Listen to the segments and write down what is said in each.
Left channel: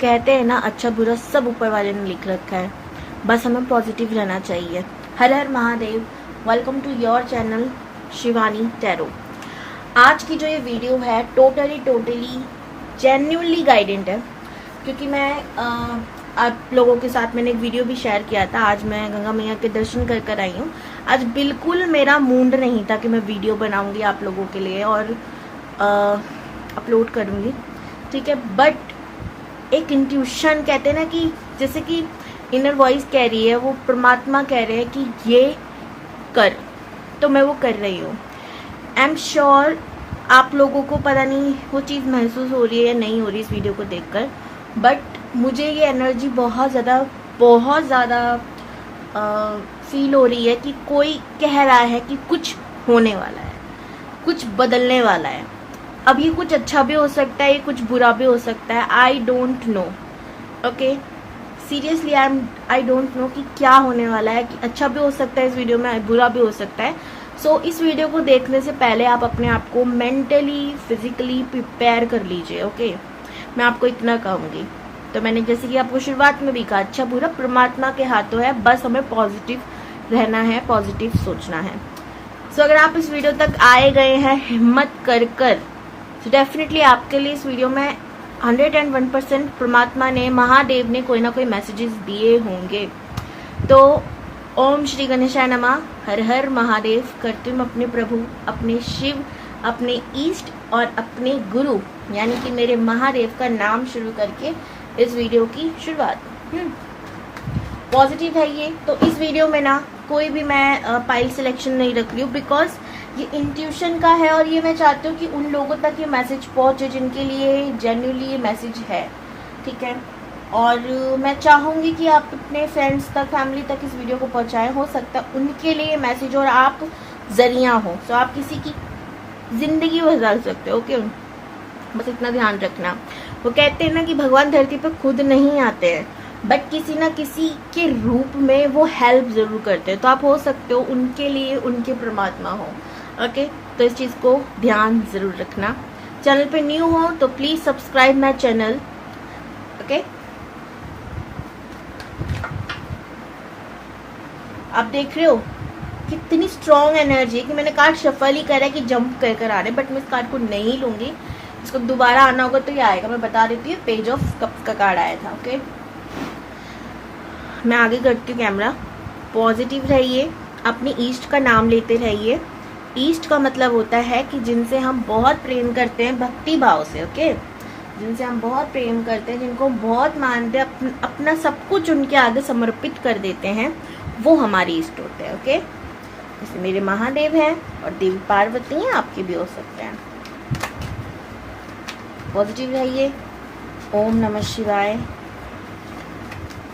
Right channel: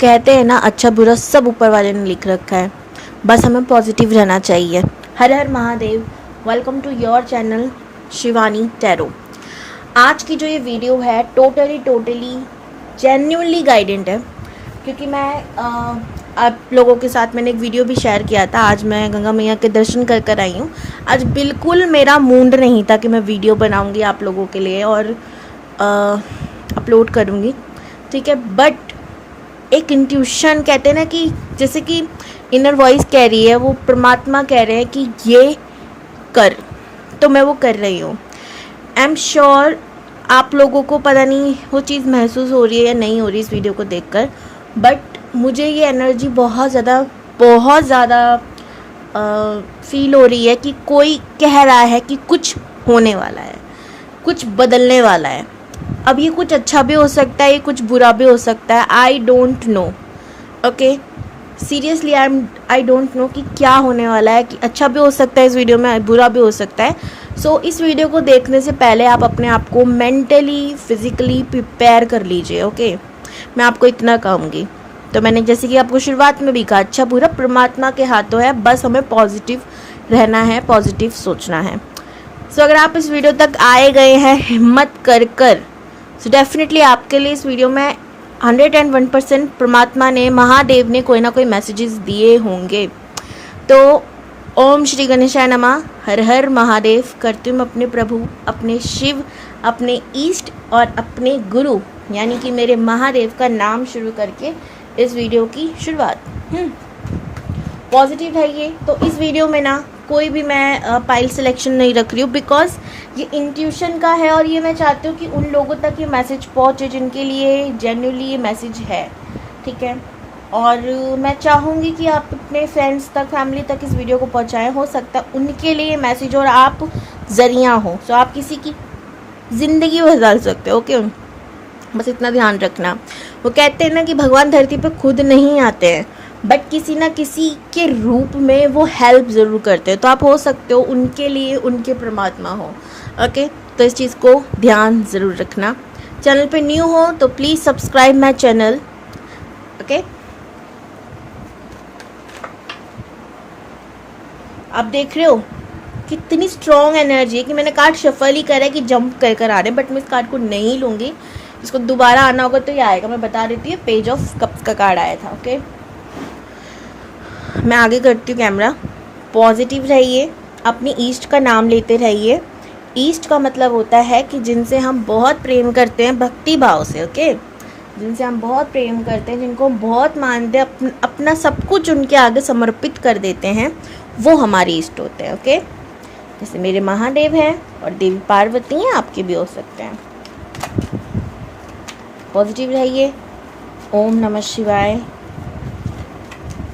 कहते हैं ना, अच्छा बुरा सब ऊपर वाले ने लिख रखा है, बस हमें पॉजिटिव रहना चाहिए। हर हर Mahadev. Welcome to your channel Shivani tarot. आज की जो ये वीडियो है टोटली जेन्युइनली गाइडेंट है, क्योंकि मैं आप लोगों के साथ मैंने एक वीडियो भी शेयर किया था। आज मैं गंगा मैया के दर्शन कर कर आई हूँ। आज बिल्कुल मेरा मूड नहीं था कि मैं वीडियो बनाऊँगी आप लोगों के लिए और अपलोड करूँगी, ठीक है। बट एक इंट्यूशन कहते हैं ना, कि जैसे कि इनर वॉइस कह रही है, वो परमात्मा कह रहे हैं कि ये कर, तो मैं वो कर रही हूँ। आई एम श्योर आप लोगों को पता नहीं वो चीज़ महसूस हो रही है या नहीं हो रही इस वीडियो को देखकर, बट मुझे ये एनर्जी बहुत ज़्यादा फील हो रही है कि कोई कह रहा है कि कुछ होने वाला है, कुछ बदलने वाला है। अब ये कुछ अच्छा भी हो सकता है, ये कुछ बुरा भी हो सकता है। I don't know, okay, seriously I don't know कि क्या होने वाला है, कि अच्छा भी हो सकता है इस वीडियो में, बुरा भी हो सकता है। सो इस वीडियो को देखने से पहले आप अपने आप को मेंटली फिजिकली प्रिपेयर कर लीजिए, ओके। मैं आपको इतना कहूँगी। तो मैंने जैसे कि आपको शुरुआत में भी कहा, अच्छा बुरा परमात्मा के हाथों है, बस हमें पॉजिटिव रहना है, पॉजिटिव सोचना है। सो अगर आप इस वीडियो तक आए गए हैं हिम्मत कर सो डेफिनेटली आपके लिए इस वीडियो में 101% परमात्मा ने, महादेव ने कोई ना कोई मैसेजेस दिए होंगे। तो ओम श्री गणेशाय नमः, हर हर महादेव करती हूँ अपने प्रभु, अपने शिव, अपने ईष्ट और अपने गुरु यानी कि मेरे महादेव का नाम शुरू करके इस वीडियो की शुरुआत। पॉजिटिव है ये। तो इस वीडियो में ना कोई भी मैं पाइल सिलेक्शन नहीं रख रही हूँ, बिकॉज ये इंट्यूशन का है और ये मैं चाहती हूँ कि उन लोगों तक ये मैसेज पहुँचे जिनके लिए जेन्युइनली ये मैसेज है, ठीक है। और मैं चाहूँगी कि आप अपने फ्रेंड्स तक, फैमिली तक इस वीडियो को पहुँचाएं। हो सकता है उनके लिए ये मैसेज और आप जरिया हो, तो आप किसी की ज़िंदगी बदल सकते हो, ओके। बस इतना ध्यान रखना। वो कहते हैं ना कि भगवान धरती पे खुद नहीं आते हैं, बट किसी ना किसी के रूप में वो हेल्प ज़रूर करते हैं। तो आप हो सकते हो उनके लिए उनके परमात्मा हो, ओके। तो इस चीज़ को ध्यान ज़रूर रखना। चैनल पे न्यू हो तो please subscribe my channel, okay. आप देख रहे हो कितनी स्ट्रॉन्ग एनर्जी है कि मैंने कार्ड शफल ही करा है कि जंप कर कर आ रहे, बट मैं इस कार्ड को नहीं लूँगी। इसको दोबारा आना होगा तो ये आएगा, मैं बता देती हूँ। पेज ऑफ कप्स का कार्ड आया था, ओके। मैं आगे करती हूँ कैमरा। पॉजिटिव रहिए, अपनी ईष्ट का नाम लेते रहिए। ईष्ट का मतलब होता है कि जिनसे हम बहुत प्रेम करते हैं भक्ति भाव से, ओके। जिनसे हम बहुत प्रेम करते हैं, जिनको हम बहुत मानते हैं, अपना सब कुछ उनके आगे समर्पित कर देते हैं, वो हमारी ईष्ट होते हैं, ओके। जैसे मेरे महादेव हैं और देवी पार्वती हैं, आपके भी हो सकते हैं। पॉजिटिव रहिए। ओम नमः शिवाय,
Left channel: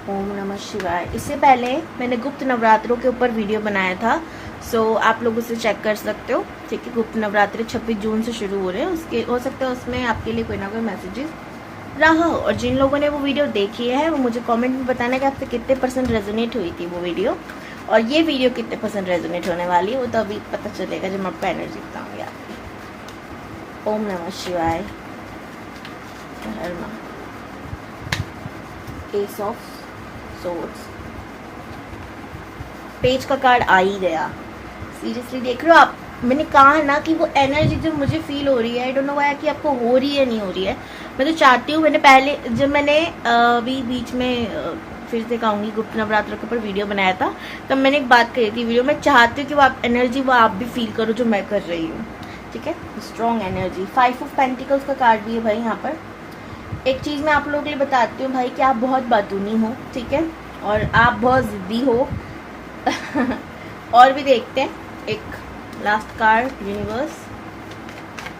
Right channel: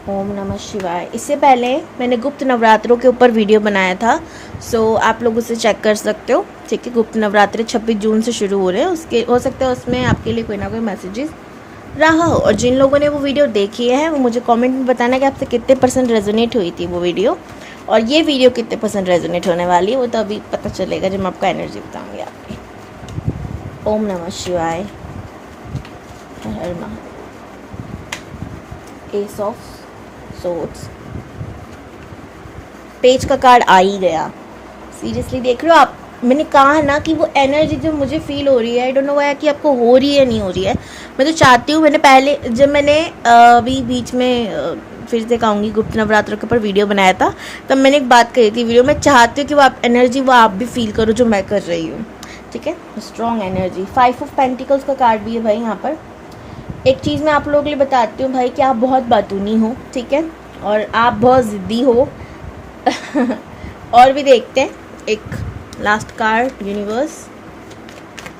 ओम नमः शिवाय। इससे पहले मैंने गुप्त नवरात्रों के ऊपर वीडियो बनाया था, सो आप लोग उसे चेक कर सकते हो, ठीक है। गुप्त नवरात्रे 26 जून से शुरू हो रहे हैं, उसके हो सकता है उसमें आपके लिए कोई ना कोई मैसेजेस रहा हो। और जिन लोगों ने वो वीडियो देखी है वो मुझे कमेंट में बताना कि आपसे कितने % रेजोनेट हुई थी वो वीडियो, और ये वीडियो कितने % रेजोनेट होने वाली है वो तो अभी पता चलेगा जब मैं आपका एनर्जी बताऊँगी आपकी। ओम नमः शिवाय। एस ऑफ सोर्ड्स, पेज का कार्ड आ ही गया। सीरियसली देख रहे हो आप, मैंने कहा है ना कि वो एनर्जी जो मुझे फील हो रही है, आई डोंट नो व्हाई कि आपको हो रही है नहीं हो रही है। मैं तो चाहती हूँ, मैंने पहले जब मैंने अभी बीच में फिर से कहूँगी गुप्त नवरात्र के ऊपर वीडियो बनाया था, तब मैंने एक बात कही थी वीडियो में, चाहती हूँ कि वो आप एनर्जी वो आप भी फील करो जो मैं कर रही हूँ, ठीक है। Strong energy. 5 ऑफ पेंटिकल्स का कार्ड भी है भाई यहाँ पर। एक चीज़ मैं आप लोगों के लिए बताती हूँ भाई कि आप बहुत बातूनी हो, ठीक है, और आप बहुत ज़िद्दी हो। और भी देखते हैं, एक लास्ट कार्ड यूनिवर्स,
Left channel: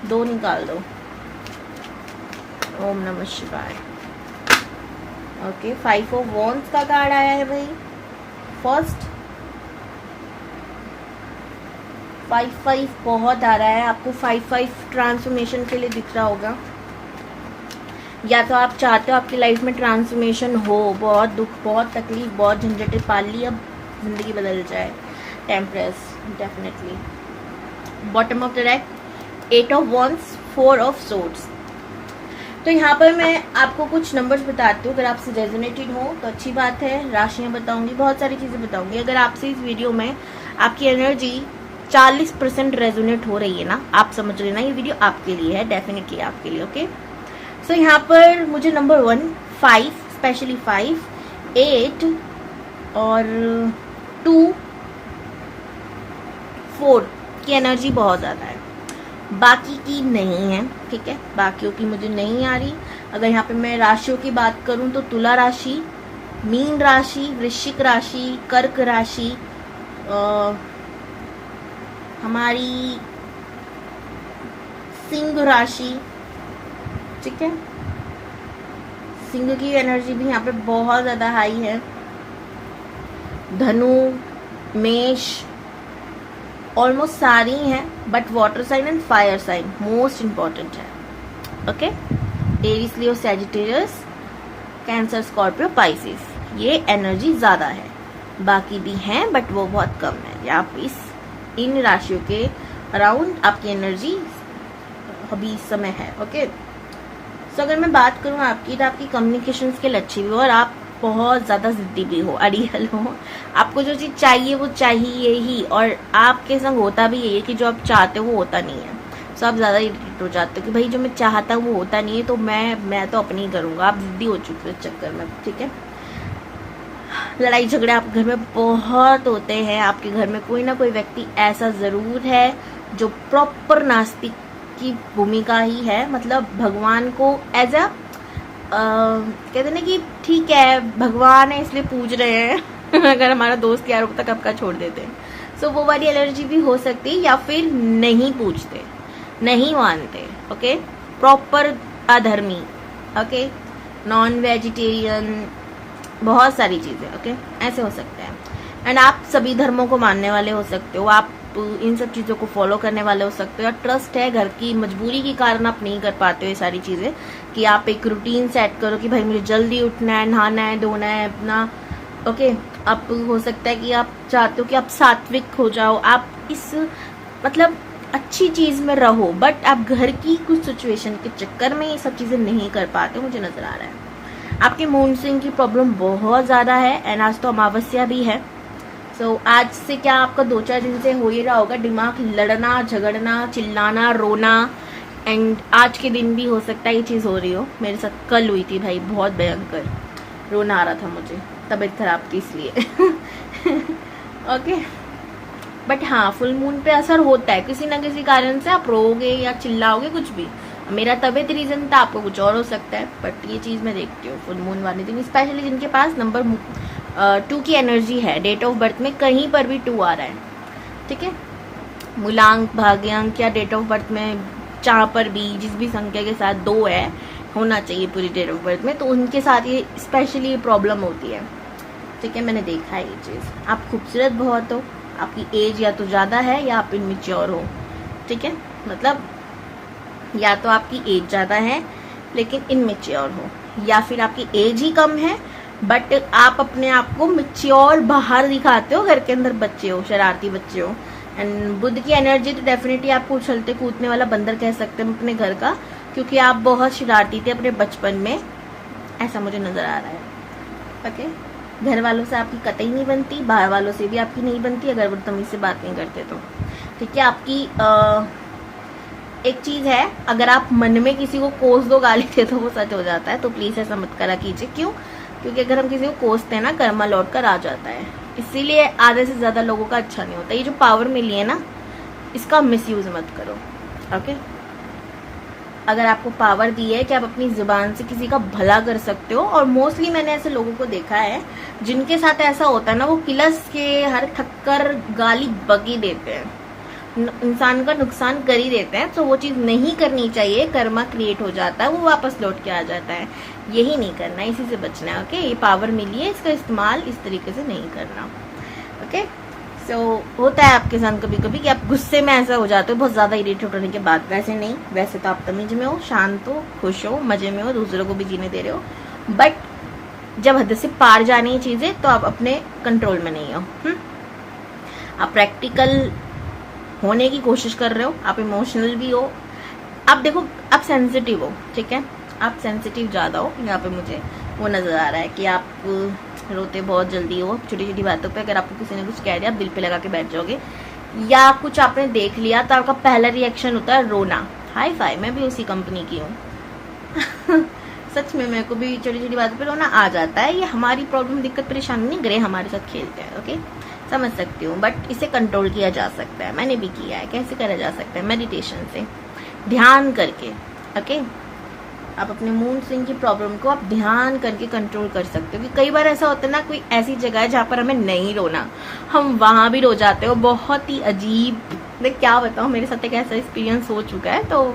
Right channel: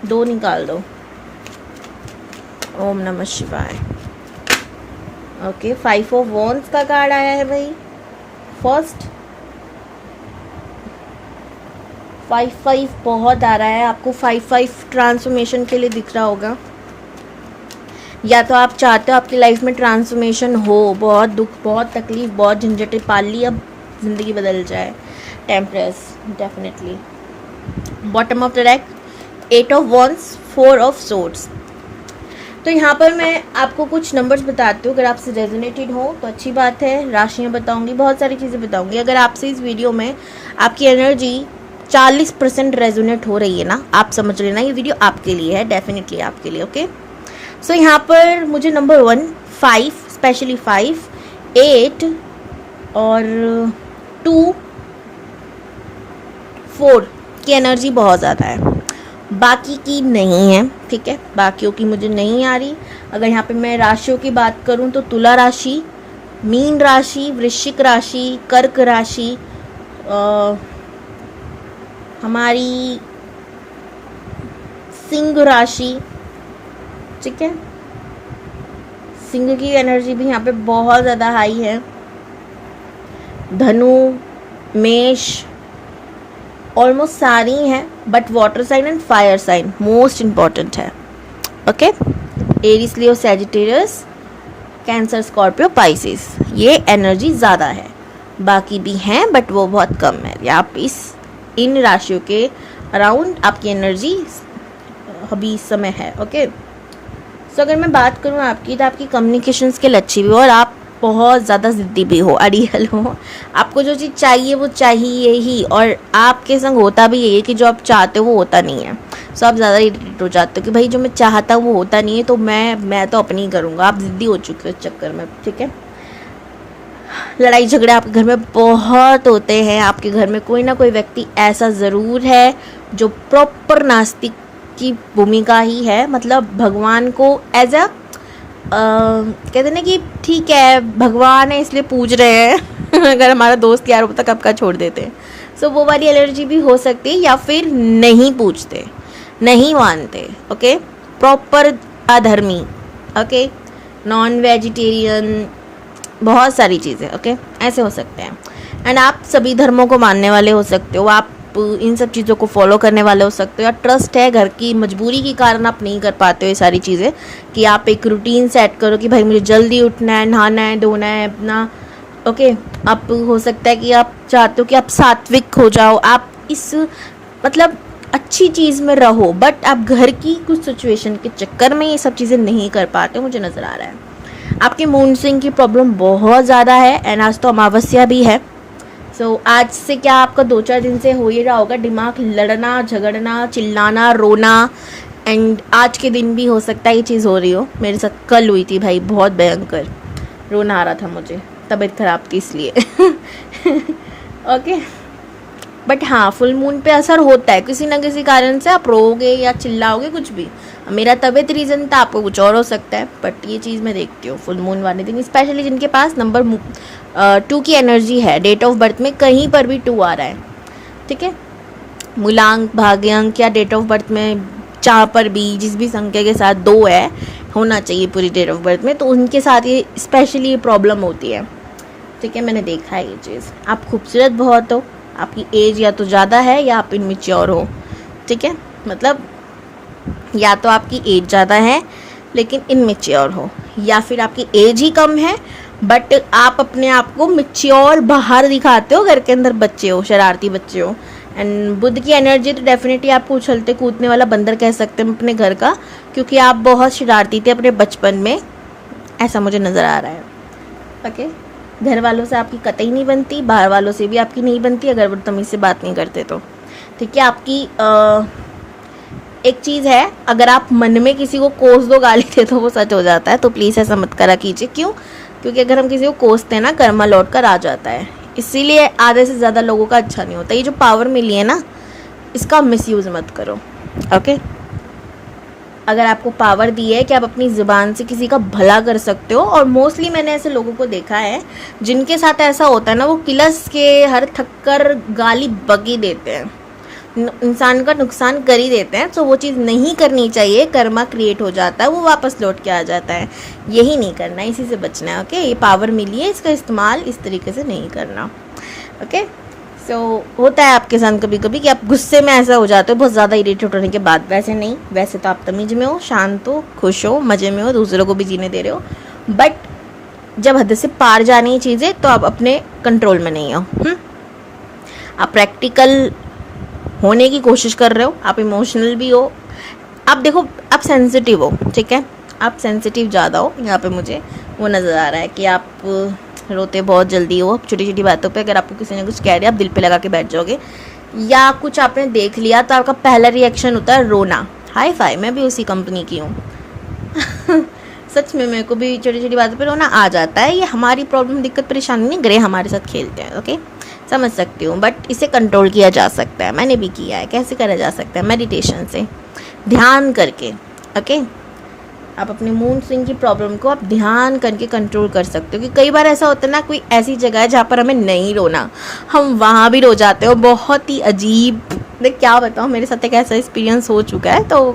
2 निकाल दो। ओम नमः शिवाय, ओके। 5 ऑफ वॉन्ड्स का कार्ड आया है भाई फर्स्ट। 5 बहुत आ रहा है आपको। 5 ट्रांसफॉर्मेशन के लिए दिख रहा होगा, या तो आप चाहते हो आपकी लाइफ में ट्रांसफॉर्मेशन हो, बहुत दुख, बहुत तकलीफ, बहुत झंझटें पाल ली, अब ज़िंदगी बदल जाए। Temperance, definitely. Bottom of the deck 8 of wands, 4 of swords. तो यहाँ पर मैं आपको कुछ नंबर्स बताती हूँ, अगर आपसे रेजोनेटेड हो तो अच्छी बात है। राशियाँ बताऊँगी, बहुत सारी चीज़ें बताऊँगी। अगर आपसे इस वीडियो में आपकी एनर्जी 40% रेजोनेट हो रही है ना, आप समझ लेना ये वीडियो आपके लिए है, डेफिनेटली आपके लिए। ओके, सो यहाँ पर मुझे नंबर 1, 5, स्पेशली 5, 8 और 2, 4 की एनर्जी बहुत ज़्यादा है, बाकी की नहीं है। ठीक है, बाकियों की मुझे नहीं आ रही। अगर यहाँ पे मैं राशियों की बात करूँ तो तुला राशि, मीन राशि, वृश्चिक राशि, कर्क राशि, हमारी सिंह राशि। ठीक है, सिंह की एनर्जी भी यहाँ पे बहुत ज़्यादा हाई है। धनु, मेष, ऑलमोस्ट सारी हैं, but water sign and fire sign most important है। Okay, Aries, Leo, Sagittarius, Cancer, Scorpio, Pisces, ये एनर्जी ज़्यादा है। बाकी भी हैं बट वो बहुत कम है। आप इन राशियों के अराउंड आपकी एनर्जी अभी इस समय है। ओके, सो अगर मैं बात करूँ आपकी, तो आपकी कम्युनिकेशन स्किल अच्छी भी हो और आप बहुत ज़्यादा ज़िद्दी भी हो, अड़ियल हो। आपको जो चीज़ चाहिए वो चाहिए ही, और आपके संग होता भी यही है कि जो आप चाहते हो वो होता नहीं है। सो आप ज़्यादा इरिटेट हो जाते हो कि भाई जो मैं चाहता हूँ वो होता नहीं है, तो मैं तो अपनी ही करूँगा। आप ज़िद्दी हो चुके हो इस चक्कर में। ठीक है, लड़ाई झगड़े आपके घर में बहुत होते हैं। आपके घर में कोई ना कोई व्यक्ति ऐसा ज़रूर है जो प्रॉपर नास्तिक की भूमिका ही है, मतलब भगवान को एज अ कहते हैं ना कि ठीक है भगवान है इसलिए पूज रहे हैं अगर हमारा दोस्त यार होता कब का छोड़ देते हैं। सो वो वाली एलर्जी भी हो सकती है, या फिर नहीं पूजते, नहीं मानते। ओके, प्रॉपर अधर्मी। ओके, नॉन वेजिटेरियन, बहुत सारी चीज़ें। ओके, ऐसे हो सकते हैं। एंड आप सभी धर्मों को मानने वाले हो सकते हो, आप इन सब चीज़ों को फॉलो करने वाले हो सकते हो, या ट्रस्ट है, घर की मजबूरी के कारण आप नहीं कर पाते हो ये सारी चीज़ें, कि आप एक रूटीन सेट करो कि भाई मुझे जल्दी उठना है, नहाना है, धोना है अपना। ओके, आप हो सकता है कि आप चाहते हो कि आप सात्विक हो जाओ, आप इस मतलब अच्छी चीज़ में रहो, बट आप घर की कुछ सिचुएशन के चक्कर में ये सब चीज़ें नहीं कर पाते, मुझे नज़र आ रहा है। आपके मूड स्विंग की प्रॉब्लम बहुत ज़्यादा है, एंड आज तो अमावस्या भी है। सो आज से क्या आपका 2-4 दिन से हो ही रहा होगा दिमाग लड़ना, झगड़ना, चिल्लाना, रोना, एंड आज के दिन भी हो सकता है ये चीज़ हो रही हो। मेरे साथ कल हुई थी भाई, बहुत भयंकर रोना आ रहा था मुझे, तबीयत खराब थी इसलिए ओके, बट हाँ फुल मून पे असर होता है, किसी ना किसी कारण से आप रोओगे या चिल्लाओगे, कुछ भी। मेरा तबीयत रीज़न था, आपको कुछ और हो सकता है, बट ये चीज़ मैं देखती हूँ फुल मून वाले दिन, स्पेशली जिनके पास नंबर 2 की एनर्जी है, डेट ऑफ बर्थ में कहीं पर भी 2 आ रहा है। ठीक है, मूलांक, भाग्यांक या डेट ऑफ बर्थ में जहाँ पर भी जिस भी संख्या के साथ 2 है होना चाहिए पूरी डेट ऑफ बर्थ में, तो उनके साथ ये स्पेशली ये प्रॉब्लम होती है। ठीक है, मैंने देखा है ये चीज़। आप खूबसूरत बहुत हो, आपकी एज या तो ज़्यादा है या आप इनमेच्योर हो। ठीक है, मतलब या तो आपकी एज ज़्यादा है लेकिन इनमेच्योर हो, या फिर आपकी एज ही कम है बट आप अपने आप को मेच्योर बाहर दिखाते हो, घर के अंदर बच्चे हो, शरारती बच्चे हो। एंड बुध की एनर्जी तो डेफिनेटली आपको उछलते कूदने वाला बंदर कह सकते हैं अपने घर का, क्योंकि आप बहुत शरारती थे अपने बचपन में, ऐसा मुझे नज़र आ रहा है। ओके, घर वालों से आपकी कतई नहीं बनती, बाहर वालों से भी आपकी नहीं बनती अगर वो तमीज़ से बात नहीं करते तो। ठीक है, आपकी एक चीज़ है, अगर आप मन में किसी को कोस दो, गाली दे तो वो सच हो जाता है, तो प्लीज़ ऐसा मत करा कीजिए। क्यों? क्योंकि अगर हम किसी को कोसते हैं ना, कर्मा लौट कर आ जाता है, इसीलिए आधे से ज़्यादा लोगों का अच्छा नहीं होता। ये जो पावर मिली है ना, इसका मिसयूज़ मत करो। ओके, अगर आपको पावर दी है कि आप अपनी ज़ुबान से किसी का भला कर सकते हो, और मोस्टली मैंने ऐसे लोगों को देखा है जिनके साथ ऐसा होता है ना, वो किलस के हर थक्कर गाली बगी देते हैं, इंसान का नुकसान कर ही देते हैं। तो वो चीज़ नहीं करनी चाहिए, कर्मा क्रिएट हो जाता है, वो वापस लौट के आ जाता है। यही नहीं करना, इसी से बचना है। ओके, ये पावर मिली है, इसका इस्तेमाल इस तरीके से नहीं करना। ओके, सो होता है आपके साथ कभी कभी कि आप गुस्से में ऐसा हो जाते हो बहुत ज़्यादा इरिटेट होने के बाद। वैसे नहीं, वैसे तो आप तमीज में हो, शांत हो, खुश हो, मज़े में हो, दूसरों को भी जीने दे रहे हो, बट जब हद से पार जानी है चीज़ें तो आप अपने कंट्रोल में नहीं हो। आप प्रैक्टिकल होने की कोशिश कर रहे हो, आप इमोशनल भी हो, आप देखो आप सेंसिटिव हो। ठीक है, आप सेंसिटिव ज़्यादा हो, यहाँ पे मुझे वो नज़र आ रहा है कि आप रोते बहुत जल्दी हो छोटी छोटी बातों पे। अगर आपको किसी ने कुछ कह दिया आप दिल पे लगा के बैठ जाओगे, या कुछ आपने देख लिया तो आपका पहला रिएक्शन होता है रोना। हाई फाई, मैं भी उसी कंपनी की हूँ। सच में मेरे को भी छोटी छोटी बातों पे रोना आ जाता है। ये हमारी प्रॉब्लम, दिक्कत, परेशानी नहीं, ग्रह हमारे साथ खेलते हैं। ओके, समझ सकती हूँ, बट इसे कंट्रोल किया जा सकता है। मैंने भी किया है। कैसे करा जा सकता है? मेडिटेशन से, ध्यान करके। ओके, आप अपने मूड स्विंग की प्रॉब्लम को आप ध्यान करके कंट्रोल कर सकते हो। कि कई बार ऐसा होता है ना, कोई ऐसी जगह है जहाँ पर हमें नहीं रोना, हम वहाँ भी रो जाते हो। बहुत ही अजीब, मैं क्या बताऊँ, मेरे साथ एक ऐसा एक्सपीरियंस हो चुका है, तो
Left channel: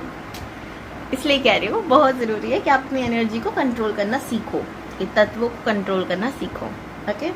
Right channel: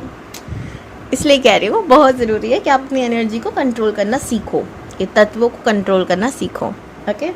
इसलिए कह रही हूँ बहुत ज़रूरी है कि आप अपनी एनर्जी को कंट्रोल करना सीखो, ये तत्वों को कंट्रोल करना सीखो। ओके,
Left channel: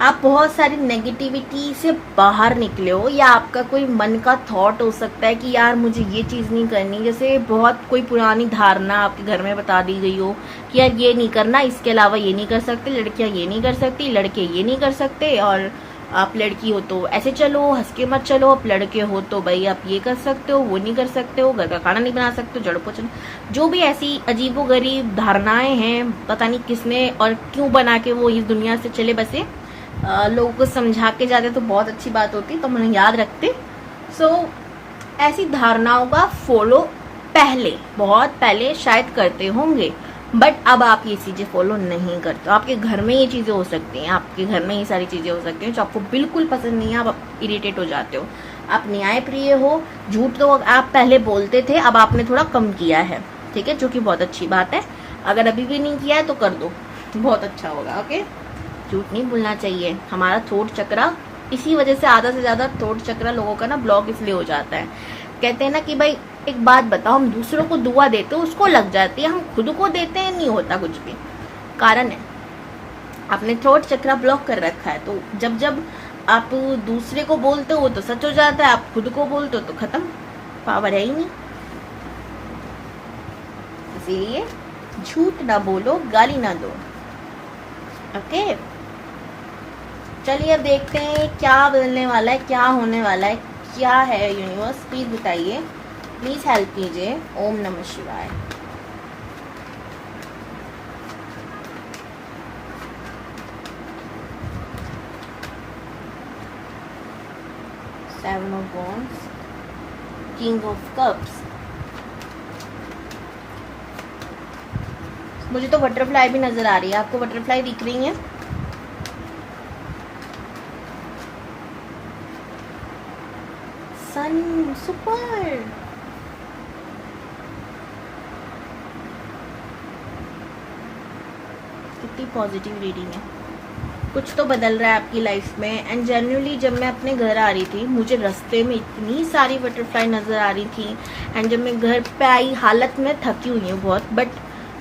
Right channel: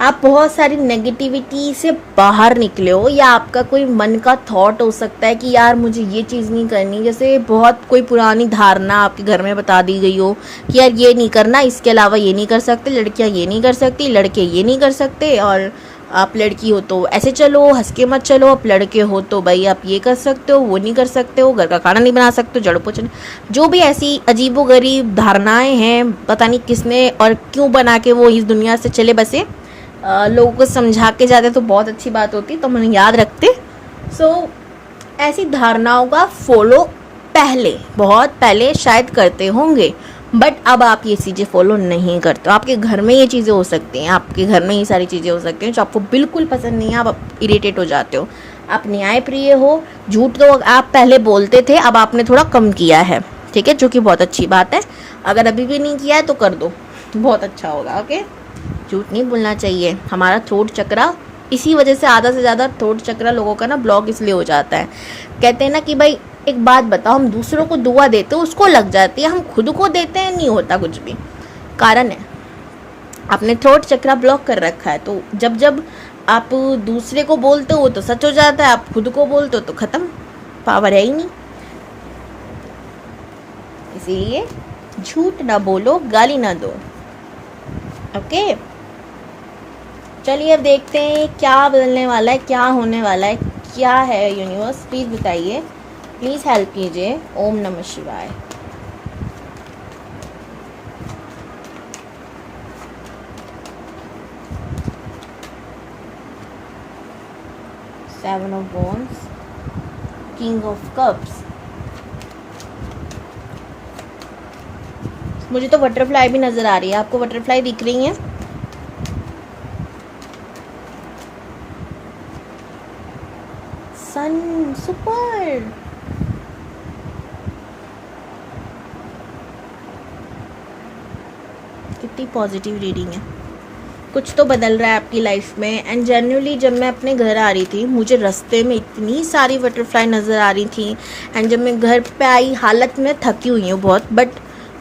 आप बहुत सारी नेगेटिविटी से बाहर निकले हो, या आपका कोई मन का थॉट हो सकता है कि यार मुझे ये चीज़ नहीं करनी। जैसे बहुत कोई पुरानी धारणा आपके घर में बता दी गई हो कि यार ये नहीं करना, इसके अलावा ये नहीं कर सकते, लड़कियां ये नहीं कर सकती, लड़के ये नहीं कर सकते, और आप लड़की हो तो ऐसे चलो, हंस के मत चलो, आप लड़के हो तो भाई आप ये कर सकते हो, वो नहीं कर सकते हो, घर का खाना नहीं बना सकते हो, झाड़ू पोछा, जो भी ऐसी अजीबोगरीब धारणाएं हैं, पता नहीं किसने और क्यों बना के वो इस दुनिया से चले बसे। लोगों को समझा के जाते तो बहुत अच्छी बात होती, तो मैंने याद रखते। ऐसी धारणाओं का फॉलो पहले, बहुत पहले शायद करते होंगे, बट अब आप ये चीज़ें फॉलो नहीं करते हो। आपके घर में ये चीज़ें हो सकती हैं, आपके घर में ये सारी चीज़ें हो सकती हैं जो आपको बिल्कुल पसंद नहीं है, आप इरिटेट हो जाते हो, आप न्यायप्रिय हो। झूठ तो आप पहले बोलते थे, अब आपने थोड़ा कम किया है, ठीक है, जो कि बहुत अच्छी बात है। अगर अभी भी नहीं किया है तो कर दो, बहुत अच्छा होगा। ओके, झूठ नहीं बोलना चाहिए। हमारा थ्रोट चक्रा, इसी वजह से आधा से ज़्यादा थ्रोट चक्रा लोगों का ना ब्लॉक इसलिए हो जाता है। कहते हैं ना कि भाई एक बात बताओ, हम दूसरों को दुआ देते हैं उसको लग जाती है, हम खुद को देते हैं नहीं होता कुछ भी। कारण है आपने थ्रोट चक्रा ब्लॉक कर रखा है। तो जब जब आप दूसरे को बोलते हो तो सच हो जाता है, आप खुद को बोलते हो तो खत्म, पावर है ही नहीं। इसीलिए झूठ ना बोलो, गाली ना दो। ओके, चलिए अब देखते हैं क्या बदलने वाला है, क्या होने वाला है, क्या है यूनिवर्स, प्लीज बताइए, प्लीज हेल्प कीजिए। ओम नमः शिवाय। Seven of wands, king of cups. मुझे तो बटरफ्लाई भी नजर आ रही है, आपको बटरफ्लाई दिख रही है? सन, सुपर। कितनी पॉजिटिव रीडिंग है। कुछ तो बदल रहा है आपकी लाइफ में। एंड जेन्युइनली जब मैं अपने घर आ रही थी, मुझे रास्ते में इतनी सारी बटरफ्लाई नज़र आ रही थी। एंड जब मैं घर पे आई, हालत में थकी हुई हूँ बहुत, बट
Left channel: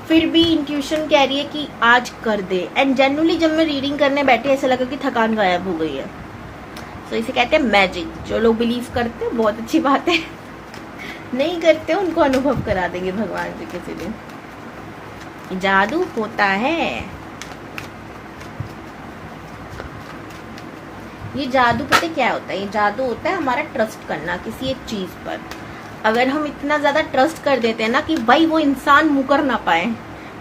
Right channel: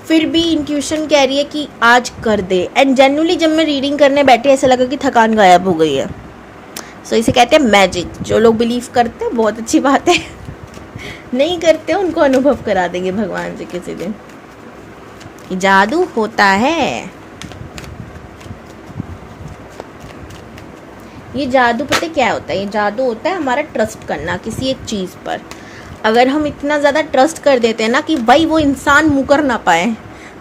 फिर भी इंट्यूशन कह रही है कि आज कर दे। एंड जेन्युइनली जब मैं रीडिंग करने बैठी, ऐसा लगा कि थकान गायब हो गई है। सो इसे कहते हैं मैजिक। जो लोग बिलीव करते हैं बहुत अच्छी बात है, नहीं करते उनको अनुभव करा देंगे भगवान से किसी दिन। जादू होता है, ये जादू पता क्या होता है? ये जादू होता है हमारा ट्रस्ट करना किसी एक चीज पर। अगर हम इतना ज्यादा ट्रस्ट कर देते हैं ना कि भाई वो इंसान मुकर ना पाए,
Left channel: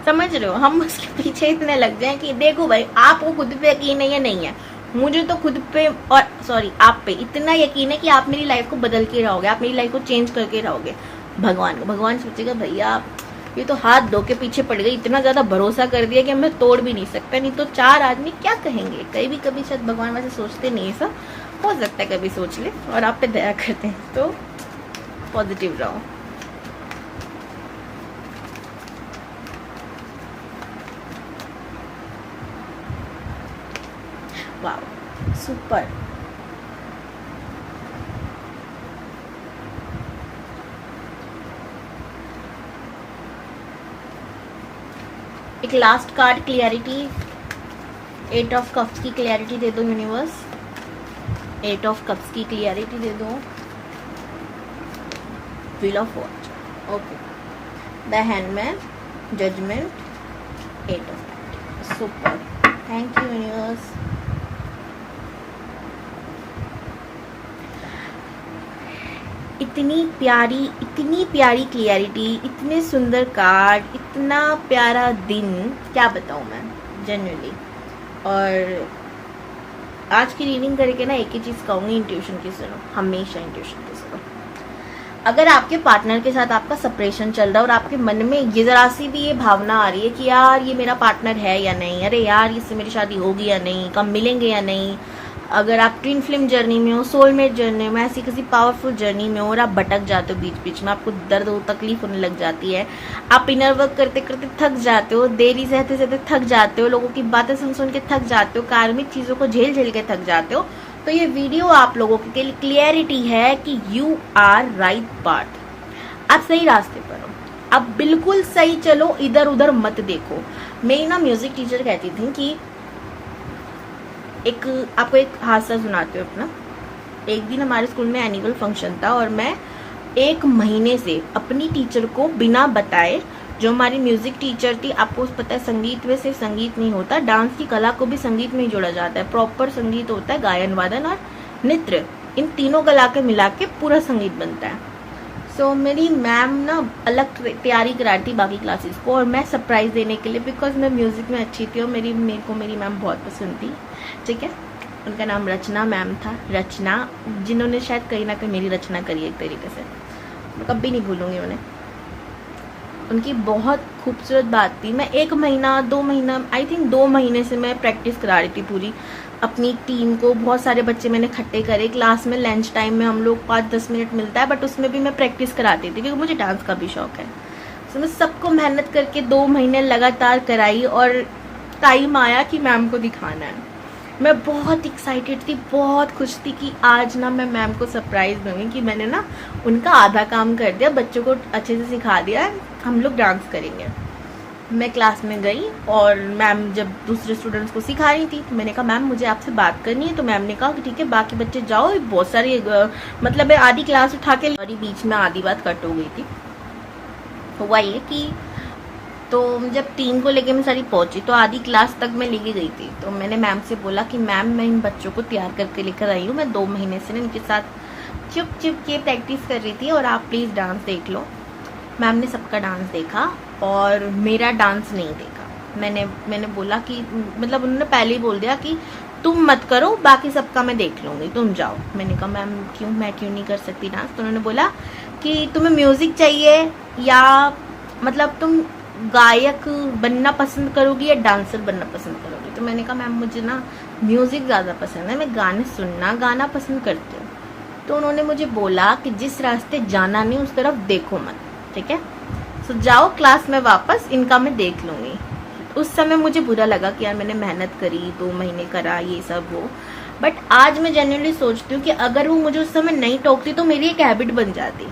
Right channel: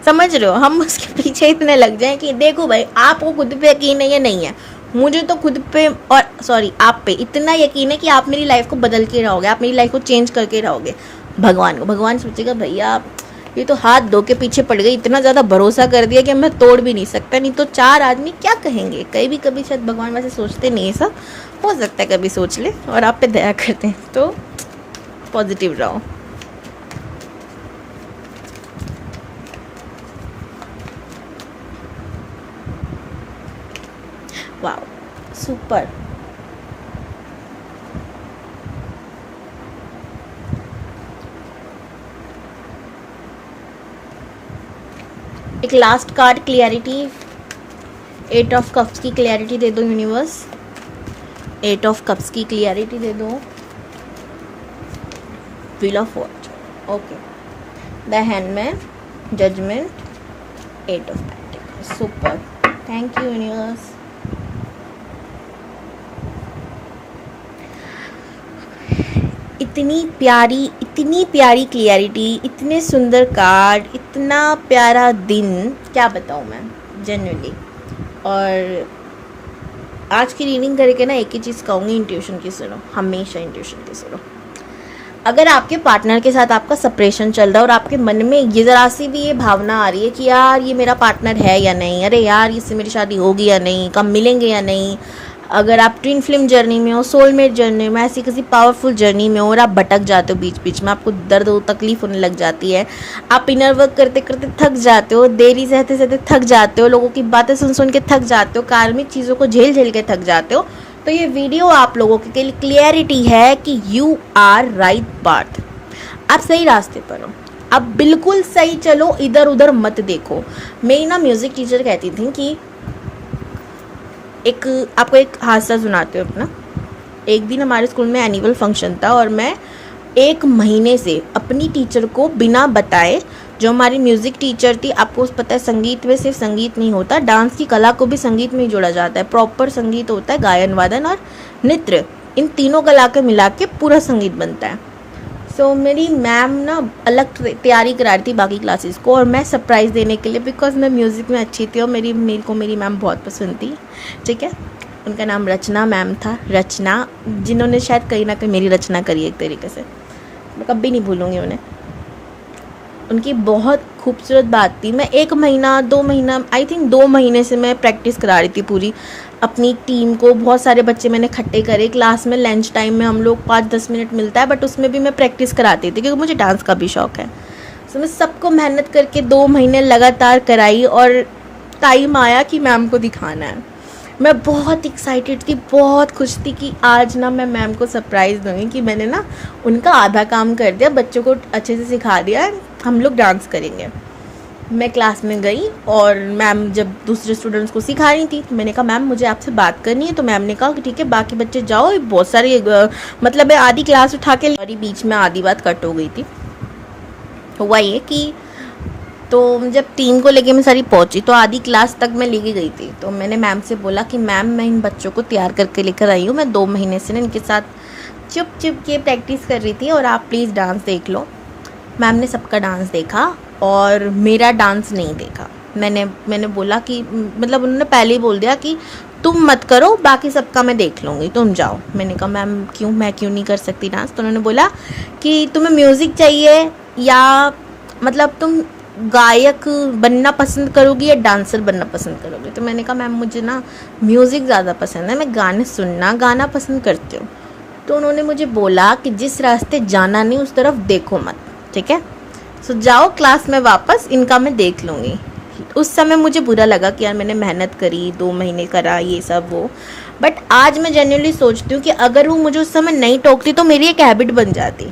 समझ रहे हो, हम उसके पीछे इतने लग जाएं कि देखो भाई आपको खुद पे यकीन है या नहीं है, मुझे तो खुद पे और सॉरी आप पे इतना यकीन है कि आप मेरी लाइफ को बदल के रहोगे, आप मेरी लाइफ को चेंज करके रहोगे। भगवान को, भगवान सोचेगा भैया ये तो हाथ धो के पीछे पड़ गई, इतना ज़्यादा भरोसा कर दिया कि मैं तोड़ भी नहीं सकता, नहीं तो चार आदमी क्या कहेंगे। कभी शायद भगवान वैसे सोचते नहीं है, सब हो सकता है कभी सोच ले और आप पे दया करते हैं। तो पॉजिटिव रहो। वाह, सुपर। एक last card clarity, 8 of cups की क्लियरिटी दे दो यूनिवर्स, 8 ऑफ कप्स की क्लियरिटी दे दो। Wheel of watch, okay, the hand man, judgment, 8 of pentacles, super. Thank you universe. इतनी प्यारी क्लियरिटी, इतने सुंदर कार्ड, इतना प्यारा दिन, क्या बताऊँ मैं जेन्युइनली। और आज की रीडिंग करके ना एक ही चीज़ कहूँगी, इंट्यूशन की सुनो, हमेशा इंट्यूशन की सुनो। अगर आपके पार्टनर के साथ आपका सेपरेशन चल रहा है और आपके मन में ये ज़रा सी भी ये भावना आ रही है कि यार ये मेरा पार्टनर है या नहीं, अरे यार इससे मेरी शादी होगी या नहीं, कब मिलेंगे या नहीं, अगर आप ट्विन फ्लेम जर्नी में हो, सोलमेट जर्नी में, ऐसी किसी पावरफुल जर्नी में हो और आप भटक जाते हो बीच बीच में, आपको दर्द हो, तकलीफ होने लग जाती है, आप इनर वर्क करते करते थक जाते हो, देरी सहते सहते थक जाते हो, लोगों की बातें सुन सुन के थक जाते हो, कार्मिक चीज़ों को झेल झेल के थक जाते हो, तो ये वीडियो आप लोगों के लिए क्लियरिटी है कि यू आर राइट पाथ, आप सही रास्ते पर हो, आप बिल्कुल सही चलो, इधर उधर मत देखो। मेरी ना म्यूजिक टीचर कहती थी कि आपको एक हादसा सुनाते हो अपना। एक दिन हमारे स्कूल में एनुअल फंक्शन था और मैं 1 महीने से अपनी टीचर को बिना बताए, जो हमारी म्यूज़िक टीचर थी, आपको पता है संगीत में सिर्फ संगीत नहीं होता, डांस की कला को भी संगीत में ही जोड़ा जाता है। प्रॉपर संगीत होता है, गायन वादन और नृत्य, इन तीनों कला के मिला के पूरा संगीत बनता है। सो मेरी मैम ना अलग तैयारी करा रही थी बाकी क्लासेस को, और मैं सरप्राइज़ देने के लिए, बिकॉज मैं म्यूज़िक में अच्छी थी और मेरी मैम बहुत पसंद थी, ठीक है। उनका नाम रचना मैम था, रचना, जिन्होंने शायद कहीं ना कहीं मेरी रचना करी एक तरीके से, मैं कभी नहीं भूलूंगी उन्हें। उनकी बहुत खूबसूरत बात थी। मैं 1 महीना 2 महीना, आई थिंक 2 महीने से मैं प्रैक्टिस करा रही थी पूरी अपनी टीम को। बहुत सारे बच्चे मैंने इकट्ठे करे क्लास में, लंच टाइम में हम लोग 5-10 मिनट मिलता है, बट उसमें भी मैं प्रैक्टिस कराती थी क्योंकि मुझे डांस का भी शौक है। तो मैं सबको मेहनत करके 2 महीने लगातार कराई और टाइम आया कि मैम को दिखाना है। मैं बहुत एक्साइटेड थी, बहुत खुश थी कि आज ना मैं मैम को सरप्राइज़ दूँगी कि मैंने ना उनका आधा काम कर दिया, बच्चों को अच्छे से सिखा दिया, हम लोग डांस करेंगे। मैं क्लास में गई और मैम जब दूसरे स्टूडेंट्स को सिखा रही थी तो मैंने कहा मैम मुझे आपसे बात करनी है। तो मैम ने कहा कि ठीक है बाकी बच्चे जाओ, बहुत सारी मतलब मैं आधी क्लास उठा के, और बीच में आधी बात कट हो गई थी। हुआ ये कि तो जब टीम को लेके मैं सारी पहुंची तो आधी क्लास तक मैं लेके गई थी। तो मैंने मैम से बोला कि मैम मैं इन बच्चों को तैयार करके लेकर आई हूँ, मैं 2 महीने से ना इनके साथ चुप चुप के प्रैक्टिस कर रही थी और आप प्लीज़ डांस देख लो। मैम ने सबका डांस देखा और मेरा डांस नहीं देखा। मैंने बोला कि मतलब उन्होंने पहले ही बोल दिया कि तुम मत करो, बाकी सबका मैं देख लूँगी, तुम जाओ। मैंने कहा मैम क्यों, मैं क्यों नहीं कर सकती डांस? तो उन्होंने बोला कि तुम्हें म्यूज़िक चाहिए या मतलब तुम गायक बनना पसंद करोगी या डांसर बनना पसंद करोगी? तो मैंने कहा मैम मुझे ना म्यूज़िक ज़्यादा पसंद है, मैं गाने सुनना गाना पसंद करती हूँ। तो उन्होंने मुझे बोला कि जिस रास्ते जाना नहीं उस तरफ देखो मत, ठीक है। सो जाओ क्लास में वापस, इनका मैं देख लूँगी। उस समय मुझे बुरा लगा कि यार मैंने मेहनत करी, 2 महीने करा ये सब वो, बट आज मैं जेन्युइनली सोचती हूँ कि अगर वो मुझे उस समय नहीं टोकती तो मेरी एक हैबिट बन जाती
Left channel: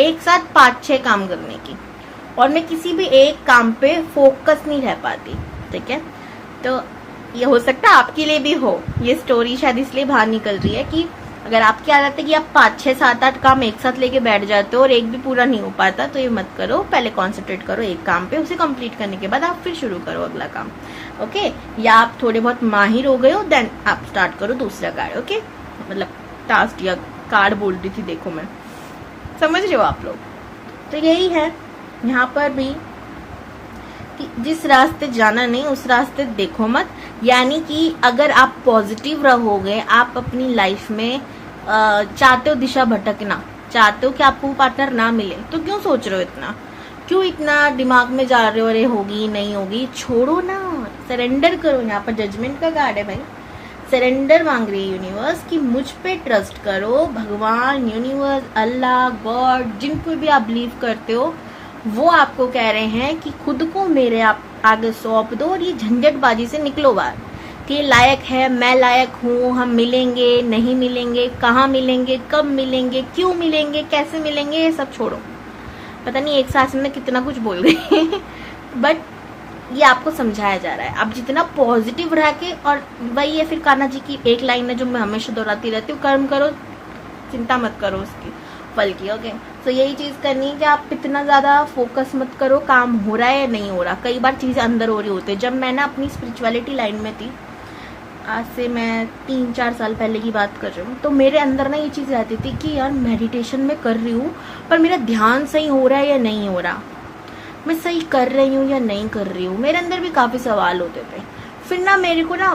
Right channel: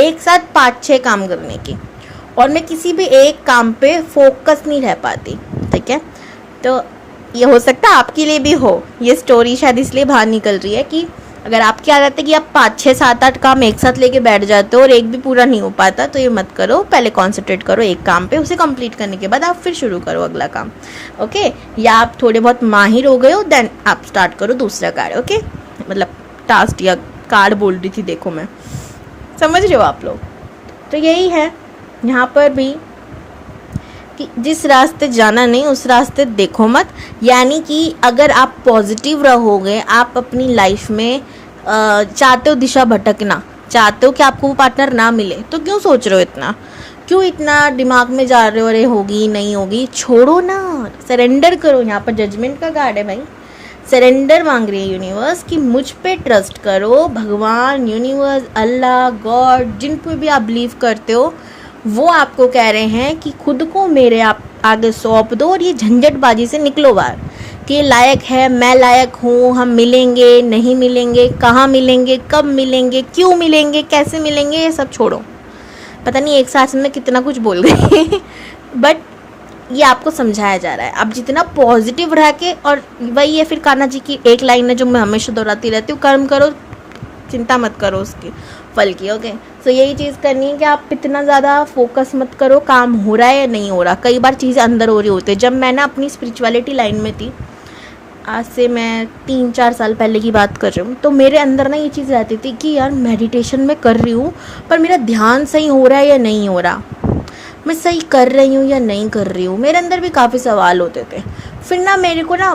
एक साथ 5-6 काम करने की, और मैं किसी भी एक काम पे फोकस नहीं रह पाती, ठीक है। तो ये हो सकता है आपके लिए भी हो, ये स्टोरी शायद इसलिए बाहर निकल रही है कि अगर आपकी आदत है कि आप 5-6-7-8 काम एक साथ लेके बैठ जाते हो और एक भी पूरा नहीं हो पाता, तो ये मत करो। पहले कॉन्सेंट्रेट करो एक काम पे, उसे कंप्लीट करने के बाद आप फिर शुरू करो अगला काम, ओके। या आप थोड़े बहुत माहिर हो गए हो, देन आप स्टार्ट करो दूसरा कार्य, ओके। मतलब टास्क या कार्ड बोल रही थी, देखो मैं, समझ रहे हो आप लोग। तो यही है यहाँ पर भी कि जिस रास्ते जाना नहीं उस रास्ते देखो मत। यानी कि अगर आप पॉजिटिव रहोगे, आप अपनी लाइफ में चाहते हो दिशा भटकना, चाहते हो कि आपको वो पार्टनर ना मिले, तो क्यों सोच रहे हो इतना, क्यों इतना दिमाग में जा रहे हो, अरे होगी नहीं होगी, छोड़ो ना, सरेंडर करो। यहाँ पर जजमेंट का कार्ड है भाई, सरेंडर मांग रही है यूनिवर्स कि मुझ पे ट्रस्ट करो। भगवान, यूनिवर्स, अल्लाह, गॉड, जिन पे भी आप बिलीव करते हो, वो आपको कह रहे हैं कि खुद को मेरे आप आगे सौंप दो और ये झंझटबाजी से निकलो बाहर कि लायक है, मैं लायक हूँ, हम मिलेंगे नहीं मिलेंगे, कहाँ मिलेंगे, कब मिलेंगे, क्यों मिलेंगे, कैसे मिलेंगे, ये सब छोड़ो। पता नहीं एक सांस में कितना कुछ बोल गई बट ये आपको समझाया जा रहा है। आप जितना पॉजिटिव रह के, और वही है फिर कान्हा जी की एक लाइन है जो मैं हमेशा दोहराती रहती हूँ, कर्म करो चिंता मत करो उसकी फल की, ओके। तो यही चीज़ करनी है कि आप इतना ज़्यादा फोकस मत करो काम हो रहा है या नहीं हो रहा। कई बार चीज़ें अंदर हो रही होती है। जब मैं ना अपनी स्पिरिचुअलिटी लाइन में थी आज से मैं 3-4 साल पहले की बात कर रही हूँ, तो मेरे अंदर ना ये चीज़ रहती थी कि यार मेडिटेशन में कर रही हूँ पर मेरा ध्यान सही हो रहा है या नहीं हो रहा, मैं सही कर रही हूँ या नहीं कर रही हूँ। मेरे अंदर भी काफ़ी सवाल होते थे। फिर ना मेरे को ना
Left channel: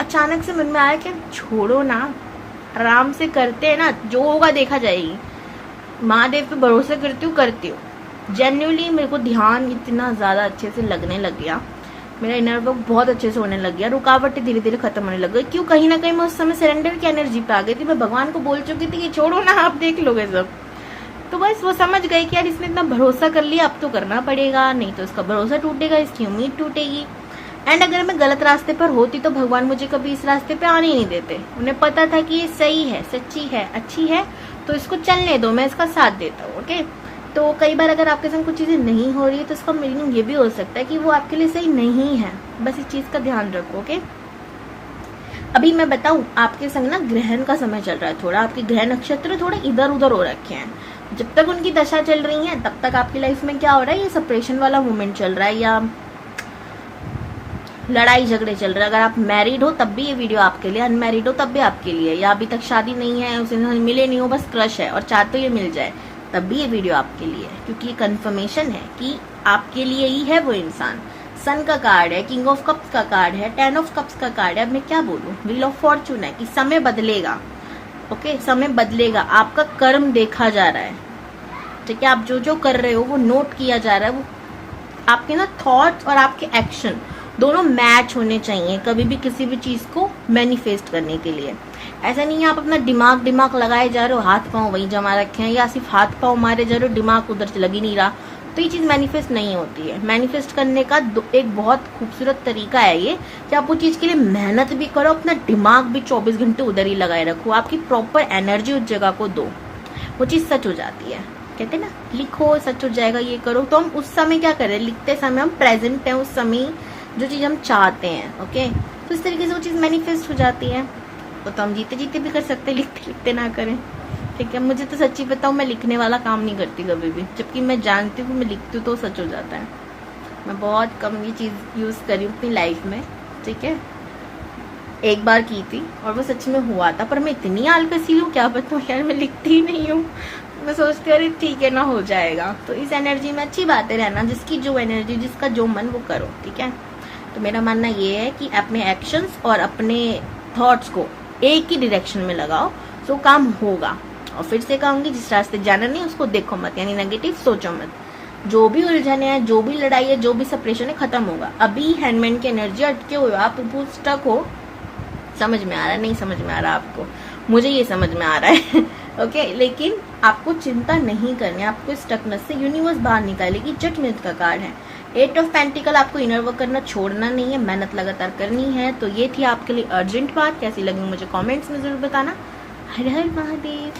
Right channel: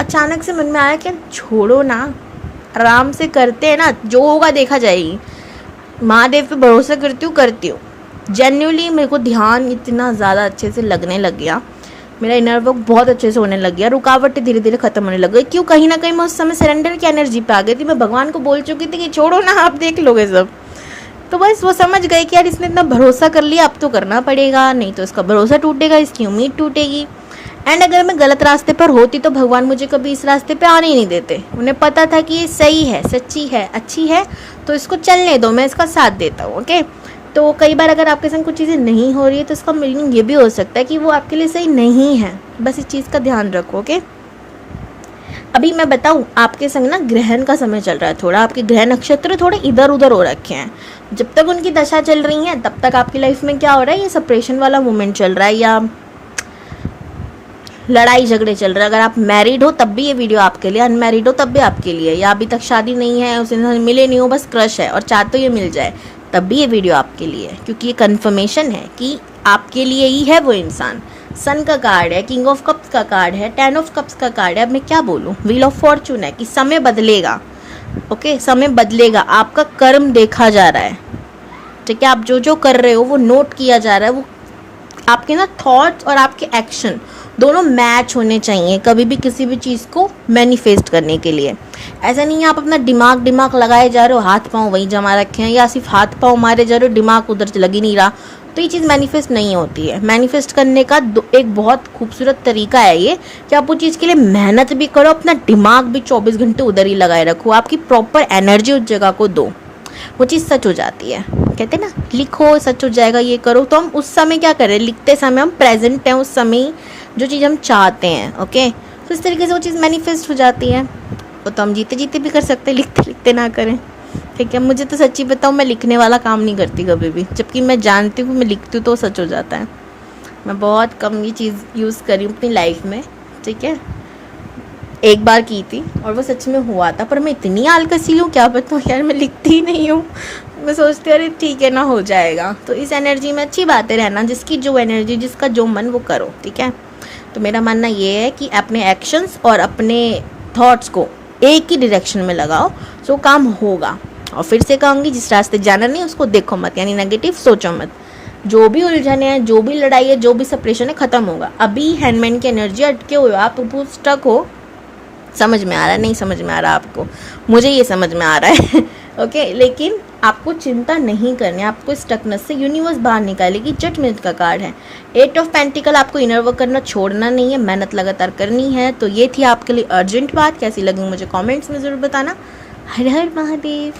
अचानक से मन में आया कि छोड़ो ना, आराम से करते हैं ना, जो होगा देखा जाएगी। महादेव पे भरोसा करती हूँ। जेन्युइनली मेरे को ध्यान इतना ज़्यादा अच्छे से लगने लग गया, मेरा इनर वर्क बहुत अच्छे से होने लग गया, रुकावटें धीरे धीरे खत्म होने लग गई। क्यों? कहीं ना कहीं मैं उस समय सरेंडर की एनर्जी पे आ गई थी। मैं भगवान को बोल चुकी थी कि छोड़ो ना, आप देख लोगे सब। तो बस वो समझ गए कि यार इसने इतना भरोसा कर लिया, अब तो करना पड़ेगा, नहीं तो इसका भरोसा टूटेगा, इसकी उम्मीद टूटेगी। एंड अगर मैं गलत रास्ते पर होती तो भगवान मुझे कभी इस रास्ते पे आने ही नहीं देते। उन्हें पता था कि ये सही है, सच्ची है, अच्छी है, तो इसको चलने दो, मैं इसका साथ देता हूँ। ओके, तो कई बार अगर आपके संग कुछ चीज़ें नहीं हो रही है तो इसका मीनिंग ये भी हो सकता है कि वो आपके लिए सही नहीं है। बस इस चीज़ का ध्यान रखो। ओके, अभी मैं बताऊँ, आपके संग ना ग्रहण का समय चल रहा है, थोड़ा आपके ग्रह नक्षत्र थोड़े इधर उधर हो रखे हैं। जब तक उनकी दशा चल रही है तब तक आपकी लाइफ में क्या हो रहा है, ये सेपरेशन वाला मोमेंट चल रहा है या लड़ाई झगड़े चल रहे हैं। अगर आप मैरिड हो तब भी ये वीडियो आपके लिए, अनमैरिड हो तब भी आपके लिए, या अभी तक शादी नहीं है, उस इंसान मिले नहीं हो, बस क्रश है और चाहते हो ये मिल जाए, तब भी ये वीडियो आपके लिए है। क्योंकि ये कन्फर्मेशन है कि आपके लिए ही है वो इंसान। सन का कार्ड है, किंग ऑफ कप्स का कार्ड है, 10 ऑफ कप्स का कार्ड है। अब मैं क्या बोलूँ, व्हील ऑफ फॉर्चून है कि समय बदलेगा। ओके, समय बदलेगा, आपका कर्म देखा जा रहा है। ठीक है, आप जो जो कर रहे हो वो नोट किया जा रहा है। वो आपके ना थॉट्स और आपके एक्शन दोनों मैच होने चाहिए कभी भी किसी भी चीज़ को मैनिफेस्ट करने के लिए। ऐसा नहीं है आप अपना दिमाग लगाए जा रहे हो, हाथ पांव वहीं जमा रखे हैं, या सिर्फ हाथ पांव मारे जा रहे हो, दिमाग उधर लग ही नहीं रहा, तो ये चीज़ मैनिफेस्ट नहीं होती है। मैनिफेस्ट करने का एक बहुत खूबसूरत तरीका है ये कि आप उस चीज़ के लिए मेहनत भी करो, अपना दिमाग भी 24 घंटे उधर ही लगाए रखो, आपकी प्रॉपर एनर्जी उस जगह को दो, वो चीज़ सच हो जाती है। कहते हैं ना, लिखो सच हो जाएगा, ये करो। तो हम उस समय क्या करें, लिखते समय हम प्रेजेंट हैं उस समय जो चीज़ हम चाहते हैं। ओके, तो इस तरीके से वो चीज़ मैनिफेस्ट हो जाती है। वो तो हम जीते जीते भी कर सकते हैं, लिखते लिखते ना करें। ठीक है, मुझे तो सच्ची बताऊँ, मैं लिखने वाला काम नहीं करती कभी भी, जबकि मैं जानती हूँ मैं लिखती हूँ तो सच हो जाता है। मैं बहुत कम ये चीज़ यूज़ करी हूँ अपनी लाइफ में। ठीक है, एक बार की थी और वो सच में हुआ था, पर मैं इतनी आलकसी हूँ, क्या बताऊँ यार, मैं लिखती ही नहीं हूँ। मैं सोचती हूँ अरे ठीक है ना, हो जाएगा। तो इस एनर्जी में अच्छी बातें रहना, जिसकी जो एनर्जी, जिसका जो मन, वो करो। ठीक है, तो मेरा मानना ये है कि अपने एक्शंस और अपने थॉट्स को एक ही डायरेक्शन में लगाओ, तो काम होगा। और फिर से कहूँगी, जिस रास्ते जाना नहीं उसको देखो मत, यानी नेगेटिव सोचो मत। जो भी उलझने हैं, जो भी लड़ाई है, जो भी सेपरेशन है, खत्म होगा। अभी हैंडमैन की एनर्जी अटके हुए, आप स्टक हो। समझ में आ रहा है, नहीं समझ में आ रहा आपको, मुझे ये समझ में आ रहा है। ओके, लेकिन आपको चिंता नहीं करनी, आपको स्टकनेस से यूनिवर्स बाहर निकालेगी। जजमेंट का कार्ड है, 8 ऑफ पेंटिकल। आपको इनर वर्क करना छोड़ना नहीं है, मेहनत लगातार करनी है। तो ये थी आपके लिए अर्जेंट बात। कैसी लगी मुझे कमेंट्स में जरूर बताना। हर हर महादेव।